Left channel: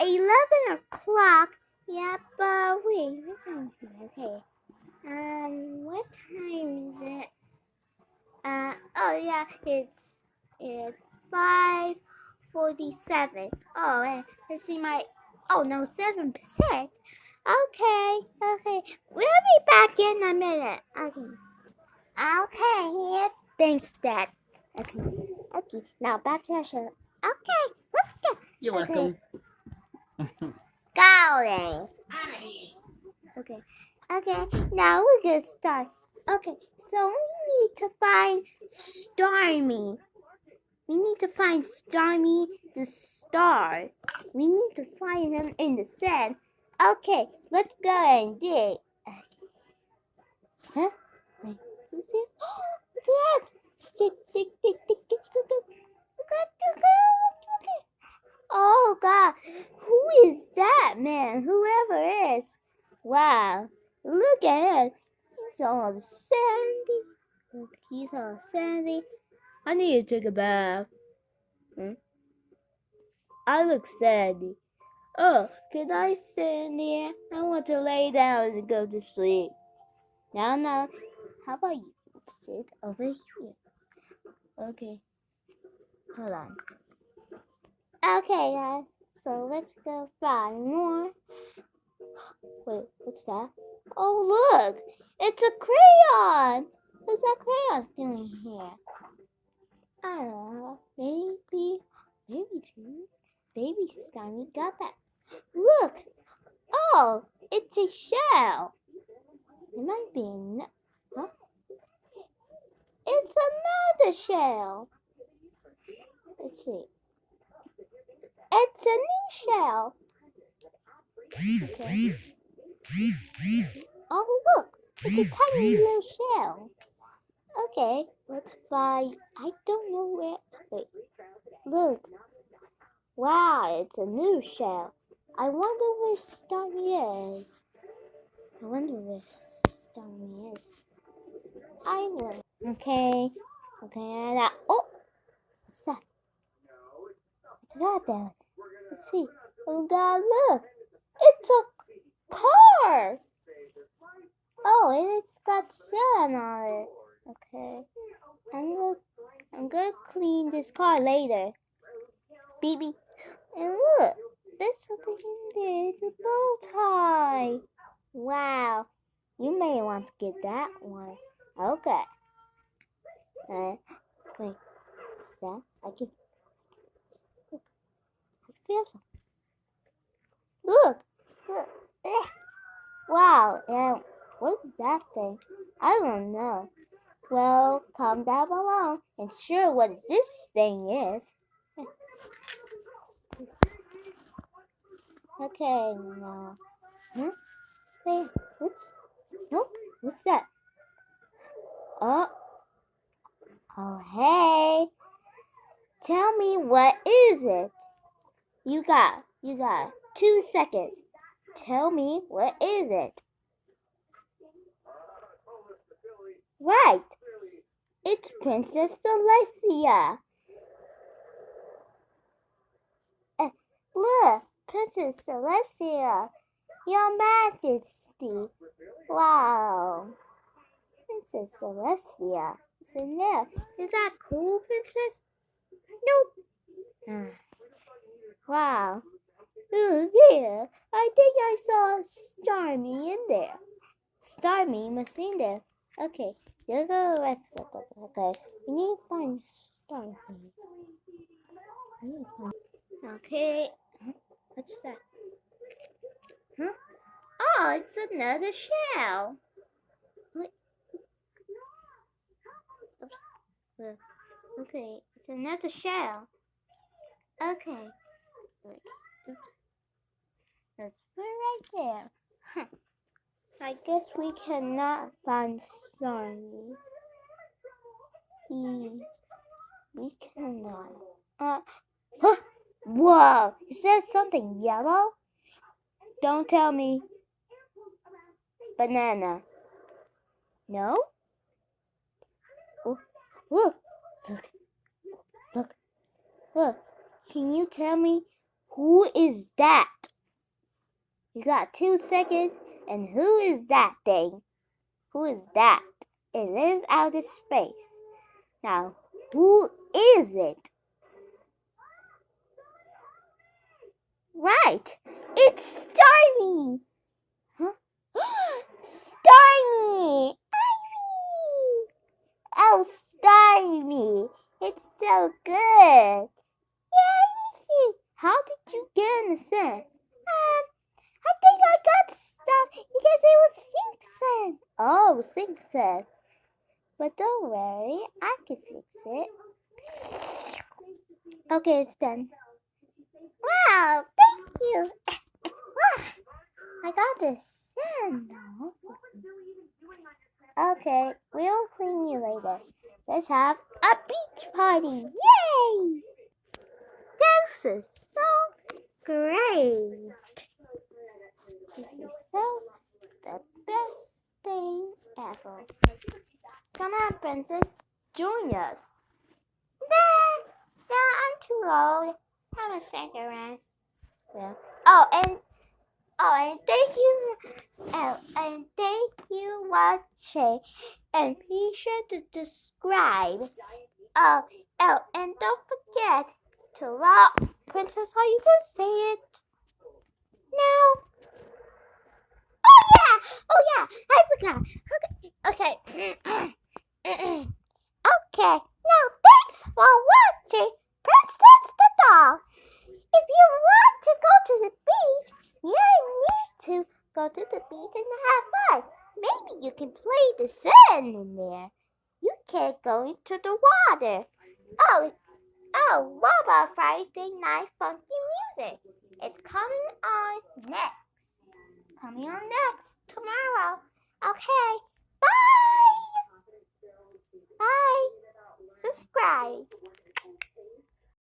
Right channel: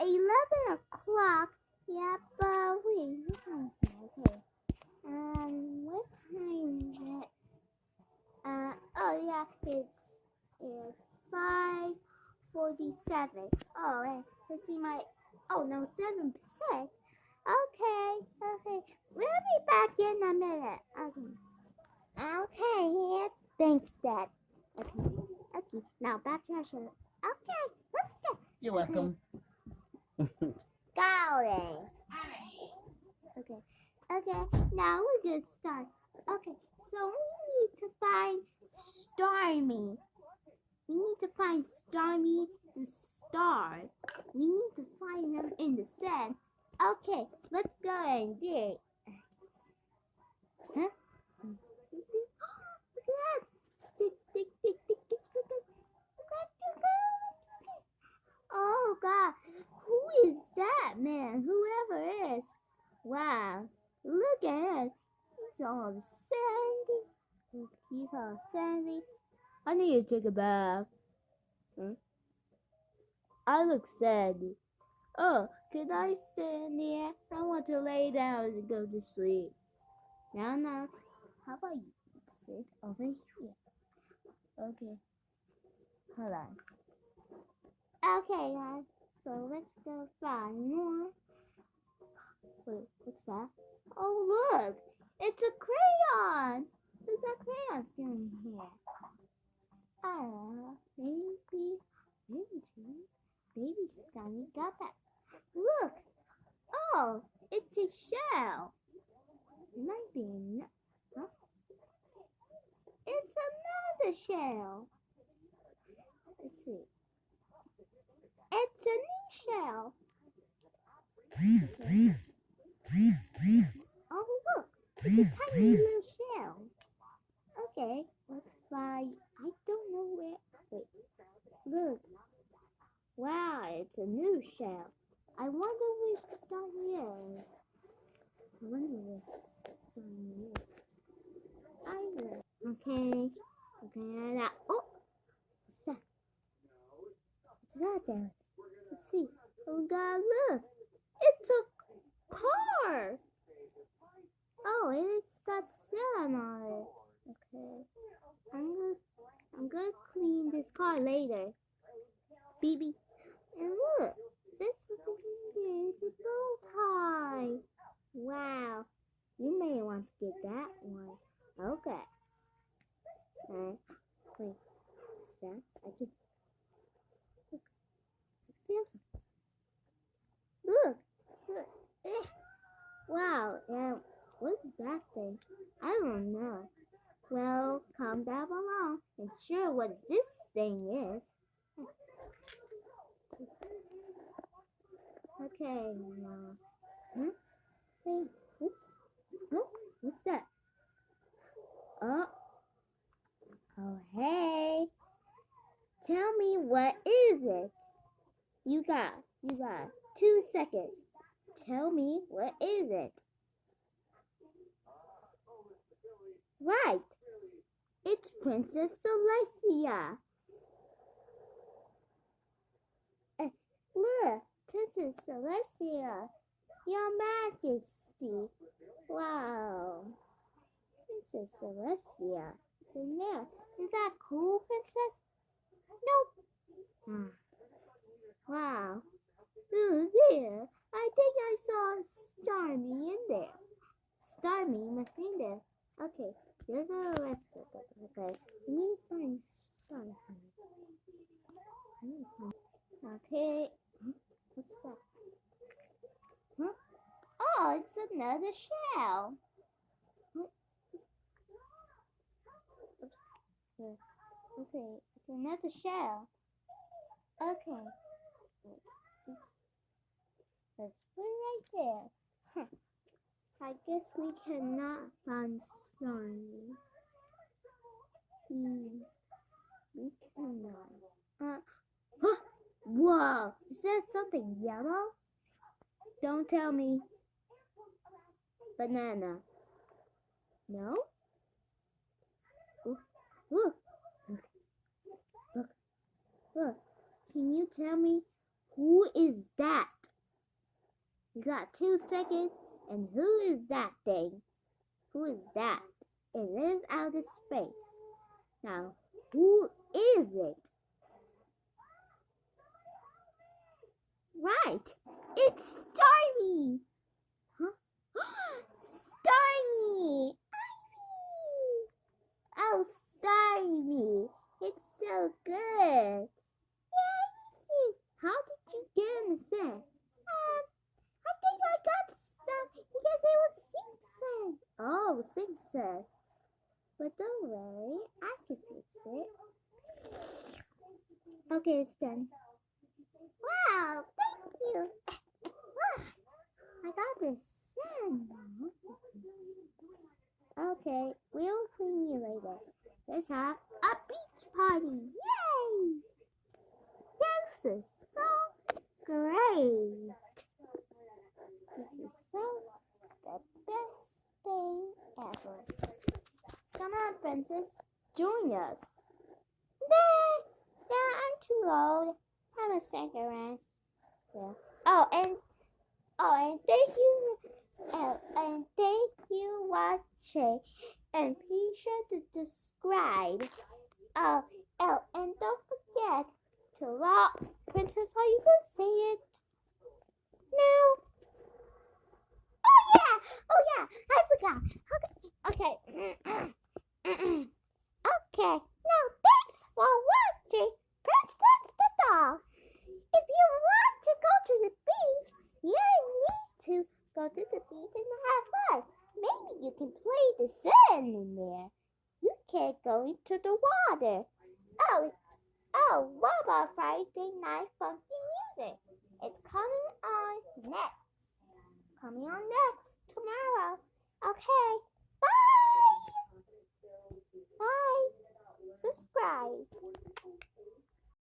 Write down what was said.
11 o'clock. Yeah, but wait, what time is it? Okay. What time is it? Oh yeah, it's 5:47. Oh, let's see my. Oh no, 7%. Okay. We'll be back in a minute. Okay, here. Thanks, Dad. Okay. Now back to our show. Okay, let's go. You're welcome. Going. Okay. Now we're gonna start. Okay, so we need to find Stormy. We need to find Stormy the star. We need to find him in the sand. Okay, let's go and dig. Huh? Wait, who's it? Look at that! Dig. Oh God, who is that man? Whoever is. Wow, look at him. He's all sandy. Look, he's all sandy. I need to take a bath. I look sandy. Oh, can I sit in here? I want to lay down and go to sleep. No. How about you sit over here? Okay. Hold on. Okay, guys. So let's go find more. Wait, what's that? Oh, look! It's a crayon! What's that crayon doing here? I don't know. Maybe two. Baby Stormy got that. Look! Oh, it's a shell. It might be huh? It's another shell. Let's see. It's a new shell. Okay. Oh, look! It's a tiny little shell. Okay, let's find. I don't know where. Wait. Look. Wow, it's a new shell. I wonder where Stormy is. I will. Okay. Now. Oh! What's that? What's that then? Let's see. Oh God, look! It's a car! Oh, and it's got sand on it. Okay. I'm gonna clean this car later. Beep. And look, there's something in there. It's a bow tie. Wow. You may want to get that one. Okay. Wait. What's that? I can feel something. Look. Wow. And what's that thing? I don't know. Well, comment down below and share what this thing is. Okay, now. Huh? Wait, what's that? Oh, hey. Tell me, what is it? You got 2 seconds. Tell me, what is it? Right. It's Princess Celestia. Look, Princess Celestia. Your Majesty. Wow. Princess Celestia. It's in there. Is that cool, Princess? Nope. Wow. Oh, yeah. I think I saw Starmie in there. Starmie was in there. Okay, let's go the rest of it. Okay, we need to find Starmie. Okay, what's that? Huh? Oh, it's another shell. Wait. Oops. Okay, it's another shell. Okay. Oops. Let's put it right there. Huh. I guess we cannot find Stormy. We cannot. Huh? Whoa! Is that something yellow? Don't tell me. Banana. No? Oh, look. Can you tell me Who is that? You got 2 seconds. And who is that thing? Who is that? It is outer space. Now, who is it? Right, it's Stormy. Huh? Stormy! Ivy! Oh, Stormy, it's so good. Yay! How did you get in the set? I think I got stuff because it was Sync said. Oh, Sync said. But don't worry, I can fix it. Okay, it's done. Wow, thank you. I got this sand now. Okay, we'll clean you later. Let's have a beach party. Yay! This is so great. This is so the best thing ever. Come on, princess, join us. Nah, I'm too old. I'm a second rest. Well, and thank you, and thank you watching, and be sure to subscribe. And don't forget to love Princess. How you gonna say it? No. Oh yeah, I forgot. Okay. Okay. Now thanks for watching Princess the Doll. If you want to go to the beach, you need to go to the beach and have fun. Maybe you can play the sand in there. You can't go into the water. What about Friday Night Funky Music? It's coming on next tomorrow. Okay.